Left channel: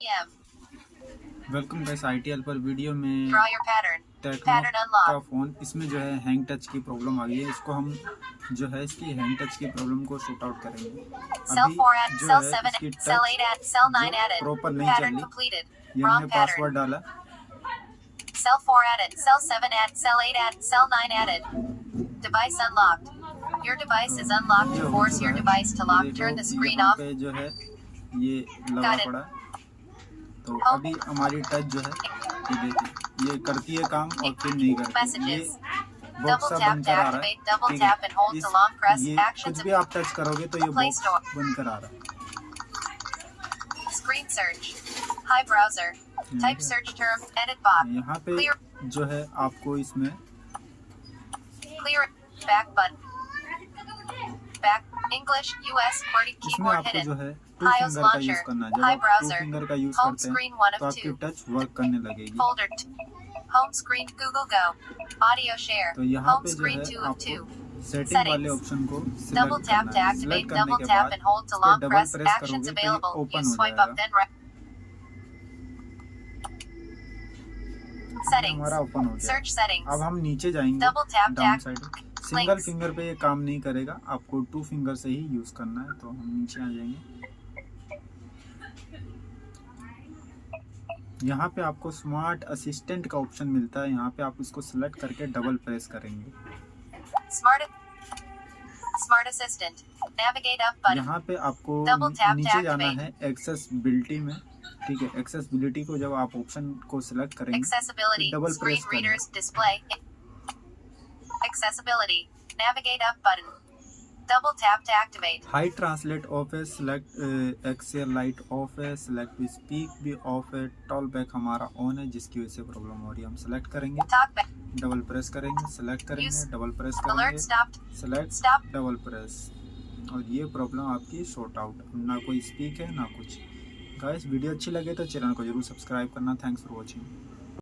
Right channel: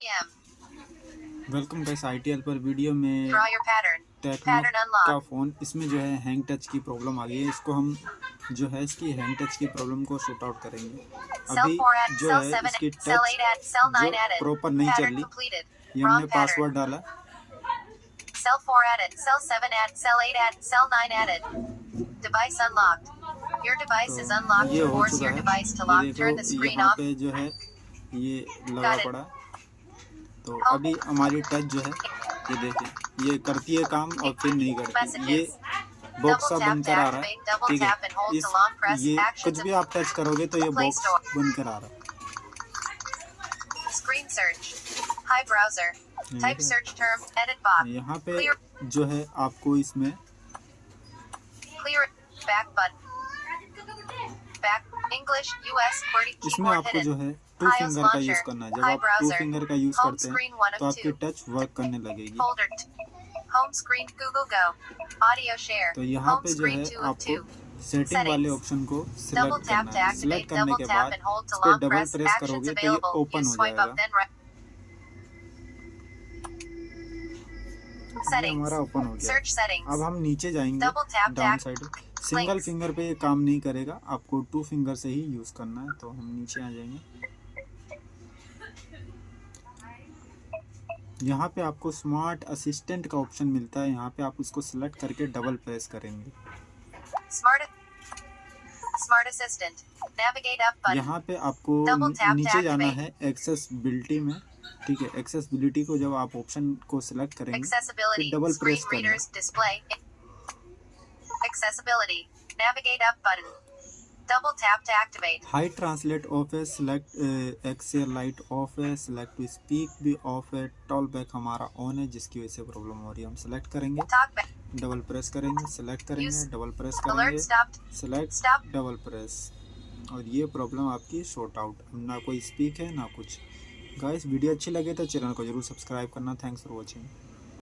PM. Welcome guys ITL पर video में Draw your pattern. Tecno Pattern का unlock. Phone इसमें जो है हैंग टच की प्रॉब्लम आ गई है। इसको हम जो है इसकी हैंग टच की प्रॉब्लम को शॉर्ट आउट करेंगे। Cell अभी 4 added. जो Cell है 7. इसकी Cell टच 8 added. Cell 9 जो added. प्रॉपर नहीं चल Pattern रही, completed. ये Wrong हमने pattern. पासवर्ड डाला। Cell 4 added. Cell 7 added. Cell 8 added. Cell 9 added. Device unlocked. Your device is unlocked. ये To हो force चुका your है। device to ये lock, देखो turn the screen यहाँ off. पे जो है ये लगा Got it. पड़ा। तो Home. अभी हमारी टच जो है ये देखिए ये करती है काम और फिर नहीं करती। ये Messages. बॉक्स Double सा tap बंद to कर आ रहा है। activate. Double ठीक tap है, and hold इस to long press. ये Actions कुछ भी आप टच करोगे तो ये Play बॉक्स Store. बंद कर आ रहा है। Screen search. Hi browser. Type है। search term. Edit box. यहाँ पे Clear. जो है आपको इसमें Clear. Back button. Back. English. US. QWERTY. इसमें Keyboard आपको hidden. जो है टू iOS फिंगर का launcher. यूज करना है। जब Hi आप टू browser. फिंगर का यूज Home करते हैं screen 1 तो of आपकी 2. टच वर्क करने लगेगी। Folder. Home screen. Google Go. Audio share. तो यहाँ Home पे जो screen है 2 of 2. आपको सेटिंग Settings. वाले ऑप्शन को Double सिलेक्ट tap to करना है। activate. सिलेक्ट करने Double के tap बाद and hold to इस पे long double press. Press Actions करोगे तो ये available. ओपन You हो swipe up जाएगा। then right. Settings. हमारा ओपन हो गया। Search settings. अब हम नीचे जाएंगे Double tap to down act. Side. Single Links. Finger पे ये काम नहीं करेगा, आपको टू फिंगर से ही यूज करना है। तो हम नीचे आ जाएंगे। यहाँ पे आपको स्मार्ट असिस्टेंट का ऑप्शन मिलता है। यहाँ पे आप उसको सिलेक्ट करके डबल प्रेस करेंगे। Smart Assistant. Navigate up button. यहाँ पे आपको Double tap to नीचे जाना activate. है एक्सेसिबिलिटी में। ठीक है, एक्सेसिबिलिटी को जब आप ऑप्शन को सिलेक्ट करेंगे Accessibility. फिर डबल Screen प्रेस करना है। readers display. Accessibility. Navigate up button. Double tap to activate. High translate of है, सिलेक्ट एक्सेल लाइट ऑफ है, सिलेक्ट टू स्पीक भी ऑफ है, टॉल बैक हमारा ऑन है जिसकी वजह से प्रॉब्लम हो रही है। हम सिलेक्ट करेंगे, Talk back. डबल प्रेस करेंगे, सिलेक्ट करेंगे, Use. डबल प्रेस Alert करेंगे, stopped. Select, Stop. Double press, और ये प्रॉब्लम आपकी शॉर्ट आउट। ना कोई स्पीक है ना कुछ। गाइस वीडियो अच्छी लगे तो चैनल को जरूर सब्सक्राइब करना। Thanks for watching.